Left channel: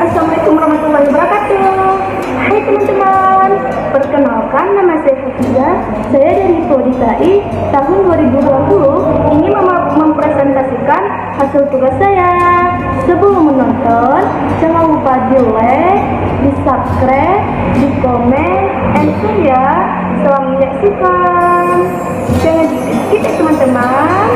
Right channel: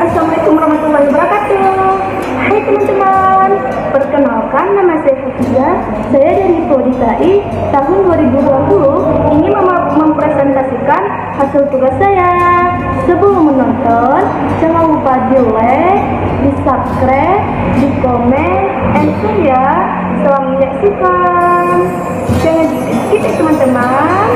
Assalamualaikum warahmatullahi wabarakatuh. Hai teman-teman, perkenalkan nama saya Hafizah. Saya dari Prodi KI tahun 2020 ingin mempresentasikan hasil tugas saya. Sebelum menonton, jangan lupa di like, di subscribe, di komen, and share ya. Selamat menyaksikan. Jangan di-skip ya teman-teman.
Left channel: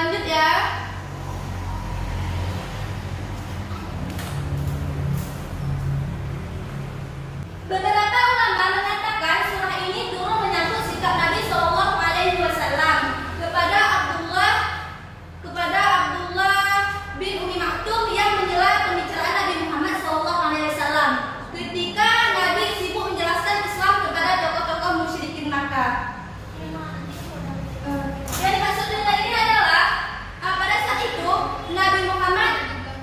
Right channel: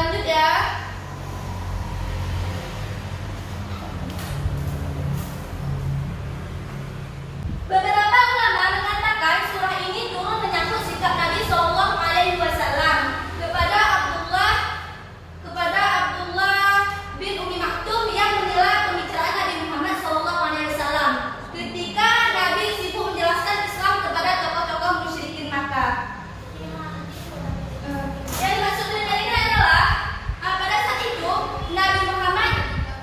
lanjut ya. Beberapa ulama mengatakan surah ini turun menyangkut sikap Nabi Shallallahu Alaihi Wasallam kepada Abdullah bin Umi Maktum yang mencela pembicaraan Nabi Muhammad Shallallahu Alaihi Wasallam ketika Nabi sibuk menjelaskan Islam kepada tokoh-tokoh musyrikin Makkah. Yang dimaksud dari ini adalah pada saat itu Nabi Muhammad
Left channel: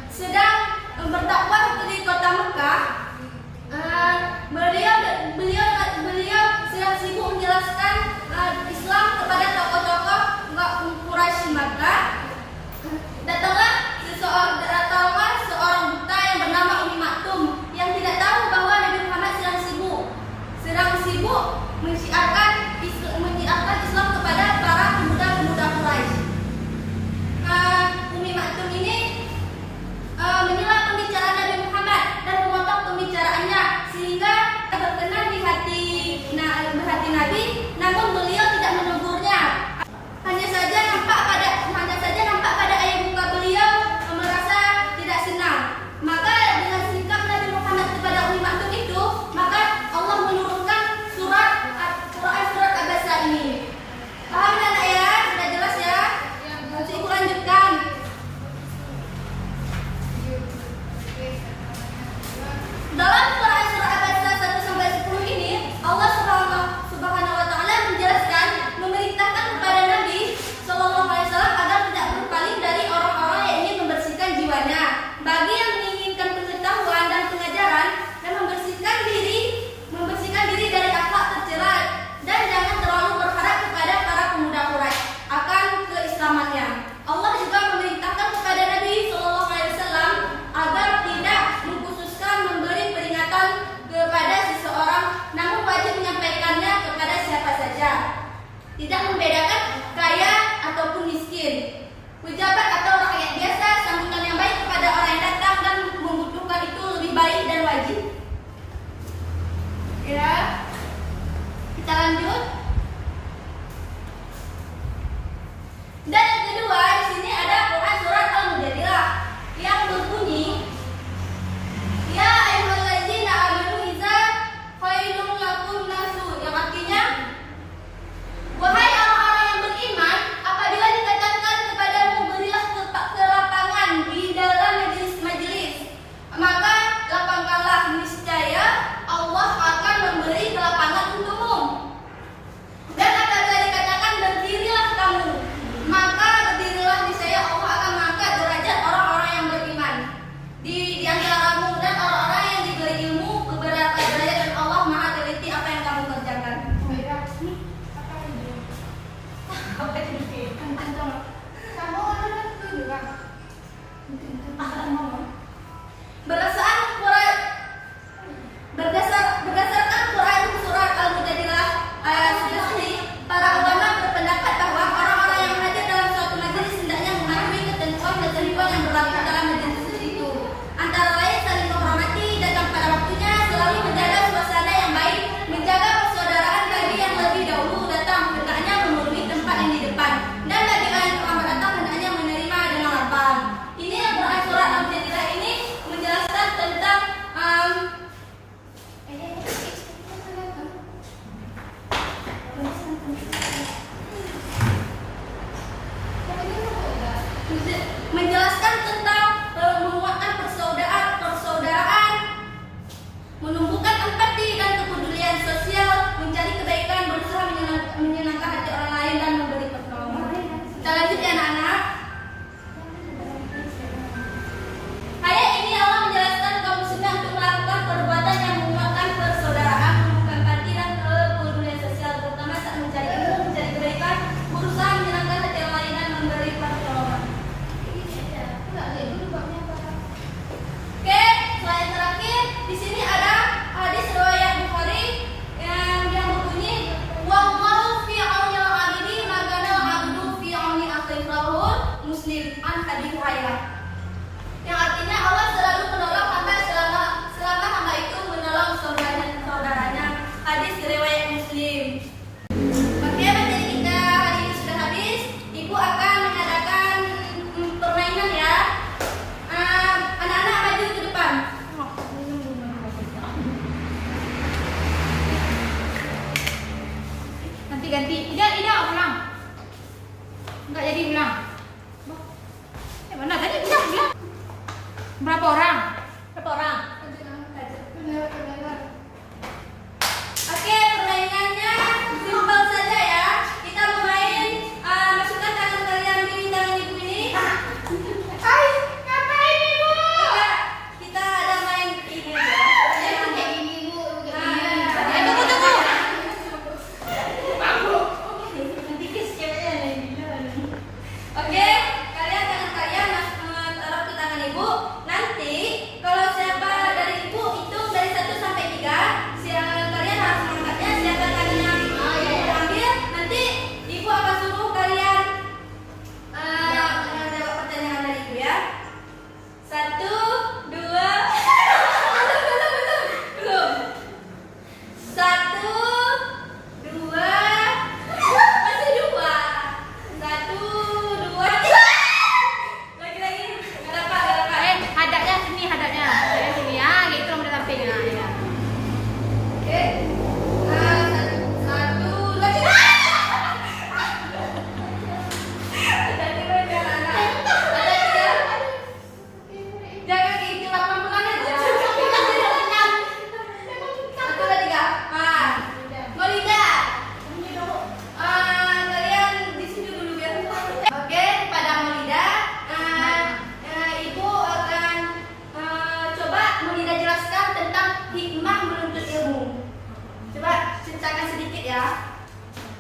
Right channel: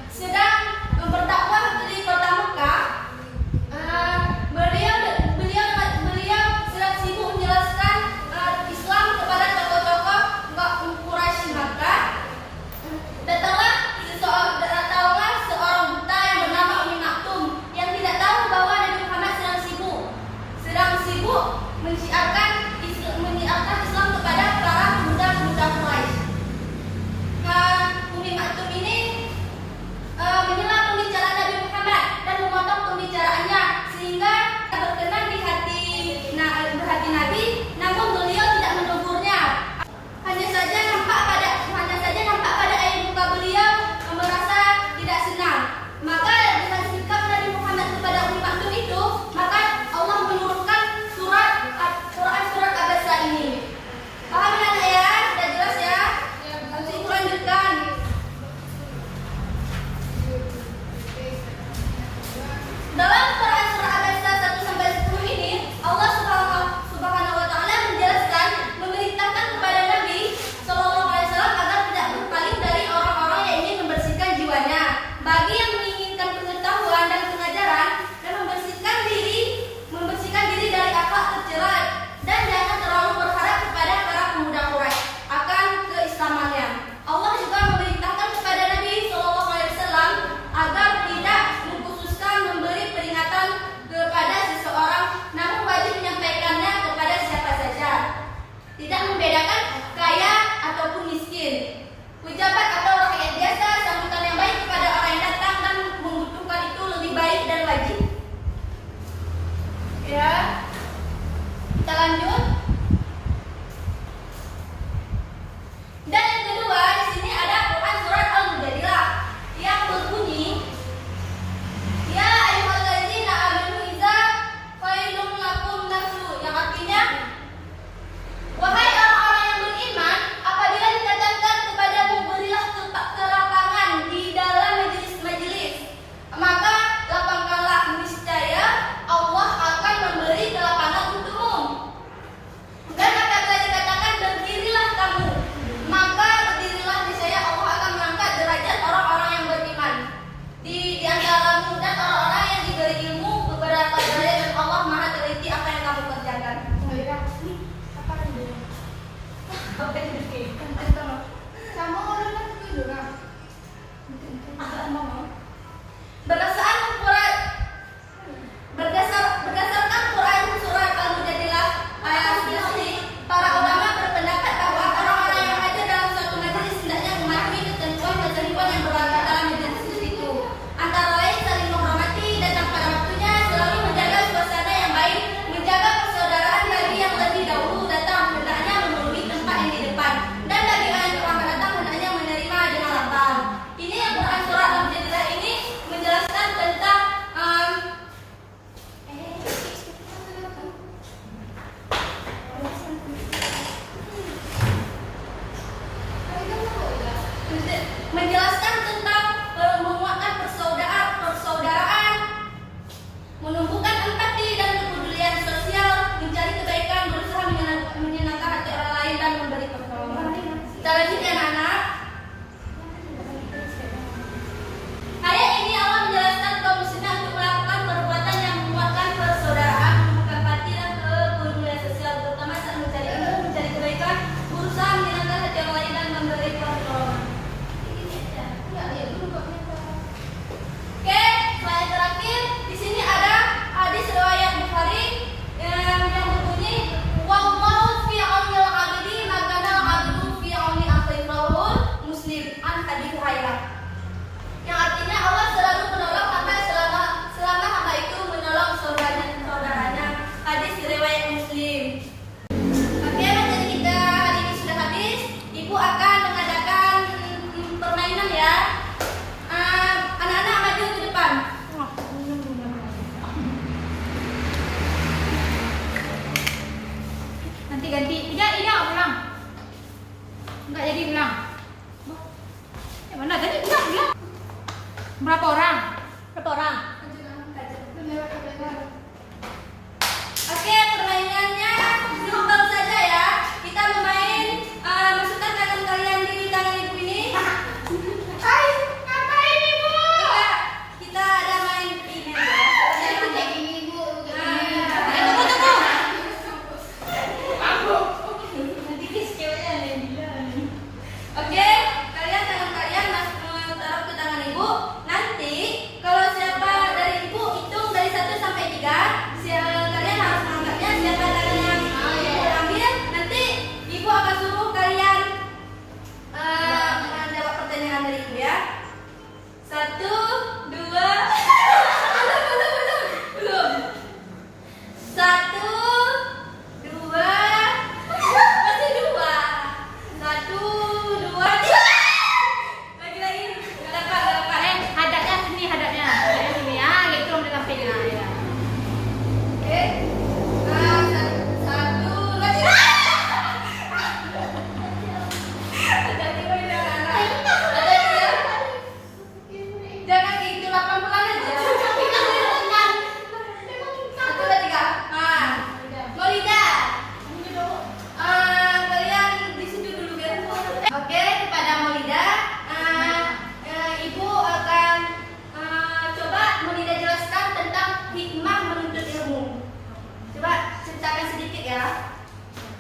sedang berdakwah di kota Mekah. Beliau sedang sibuk menjelaskan Islam kepada tokoh-tokoh Quraisy Makkah. Datanglah seorang buta yang bernama Umi Maktum yang tidak tahu bahwa Nabi Muhammad sedang sibuk menyiarkan Islam kepada para pemuda-pemuda Quraisy. Umi Maktum ini menyela pembicaraan Nabi Muhammad dan memotong pembicaraannya sehingga berkenan di hati Nabi, namun beliau tidak menegurnya. Hanya saja nampak pada air muka beliau merasa tidak senang. Maka dengan sikap Nabi Muhammad kepada Umi Maktum itu, maka Allah menurunkan surat Abasa ini. Paham anak ya? Sudah jelas ya? Nanti ibu lanjutkan. Dalam Quran surah Abasa 1-10 ini, Allah Subhanahu wa taala menjelaskan, memerintahkan kepada Nabi Shallallahu Alaihi Wasallam agar tidak berpaling dari orang-orang yang ingin membersihkan jiwanya. Bagi yang menginginkan pengetahuan dan pengajaran dan membersihkan diri dari akhlak tercela, dan jangan terlalu berharap kepada para pemuda Quraisy akan keislamannya. Allah juga memerintahkan kepada Nabi Shallallahu Alaihi Wasallam agar tidak mengkhususkan memberi peringatan kepada seseorang, namun wajib menyampaikannya kepada siapa saja. Tidak membedakan kaya ataupun miskin, pejabat atau rakyat biasa. Sambutan yang baik kepada orang yang datang dan membutuhkan itu lebih baik dan wajib. Ya, kita lanjut. Dan yang kedua, di sini ada Quran surat Al-Mujadilah yang berbunyi, Ya ayyuhalladzina amanu idza qailtum lakum nasu, yang artinya, wahai orang-orang yang beriman, apabila dikatakan kepadamu berilah kelapangan di dalam majelis-majelis, maka lapangkanlah, niscaya Allah akan memberi kelapangan untukmu. Dan apabila dikatakan berdirilah kamu, maka berdirilah, niscaya Allah akan mengangkat derajat orang-orang yang beriman di antaramu dan orang-orang yang diberi ilmu beberapa derajat, dan Allah Maha teliti apa yang kamu kerjakan. Berdasarkan Quran surat Al-Mujadilah ayat 11 ini, para ulama berpendapat bahwa orang-orang yang hadir dalam suatu majelis hendaknya mematuhi ketentuan yang berlaku dalam majelis itu. Antara lain saling menghormati, datang pada waktunya, selalu menjaga suasana yang baik, menjaga persaudaraan bagi yang lebih dahulu datang, hendaknya memenuhi tempat yang di depan. Dan bagi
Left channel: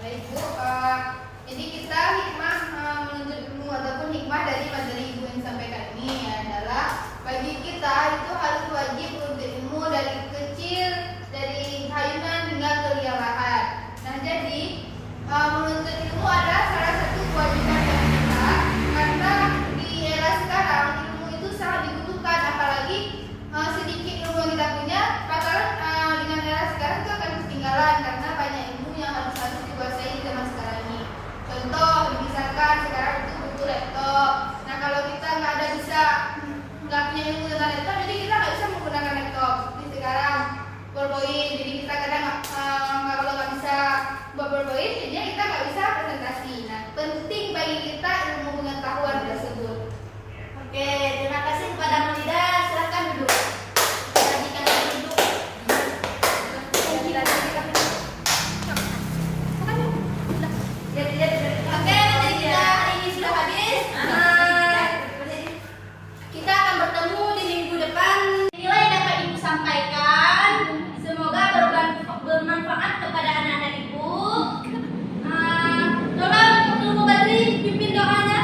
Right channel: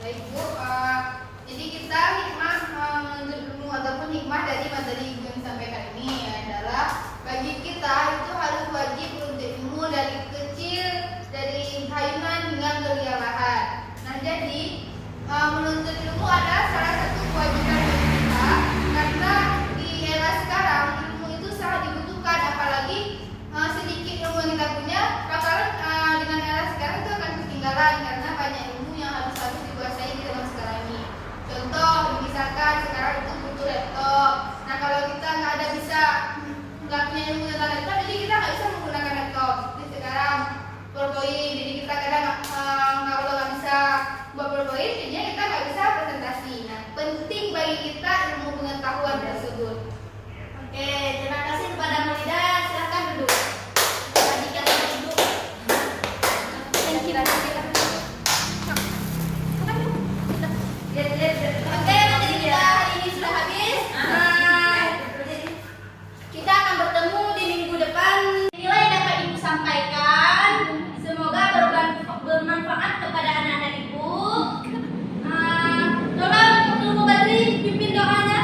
Baik Bu, jadi kita hikmah menuntut ilmu ataupun hikmah dari materi Ibu yang disampaikan ini adalah bagi kita itu harus wajib menuntut ilmu dari kecil, dari hayunan hingga kelialahan. Nah jadi menuntut ilmu adalah salah satu kewajiban bagi kita karena di era sekarang ilmu itu sangat dibutuhkan, apalagi sedikit ilmu yang kita punya bakalan dengan era sekarang itu akan ketinggalan karena banyak ilmu yang harus dikuasai di zaman sekarang ini. Contoh, misalkan sekarang itu butuh laptop. Nah kalau kita nggak punya ilmu tentang laptop, jadi kita nggak bisa menggunakan laptop. Seperti sekarang PowerPoint, jadi kita kadang kalau nggak bisa buat PowerPoint, jadinya kita nggak bisa presentasi. Nah penting bagi kita ilmu pengetahuan tersebut. Oke, terima kasih kepada Melida. Silakan duduk. Oke, materi kita hari ini sudah habis. Kita akan bertemu di minggu depan. Nilai yang dapat Ibu sampaikan semoga bermanfaat kepada anak-anak Ibu. Tolong Ibu Badri pimpin doanya.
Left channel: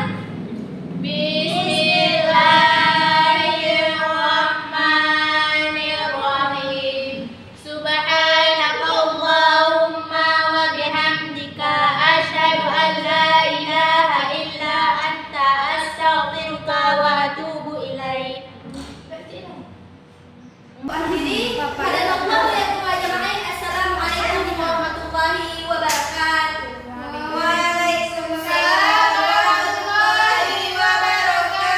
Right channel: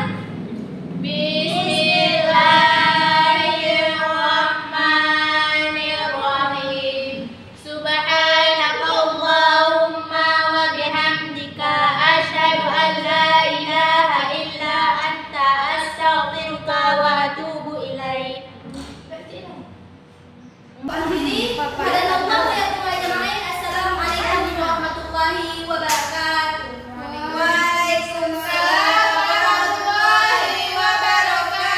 Bismillahirrahmanirrahim. Subhanakallahumma wa bihamdika asyhadu an la ilaha illa anta astaghfiruka wa atubu ilaik. Akhiri pada Allah ya jemaah. Assalamualaikum warahmatullahi wabarakatuh. Waalaikumsalam warahmatullahi wabarakatuh.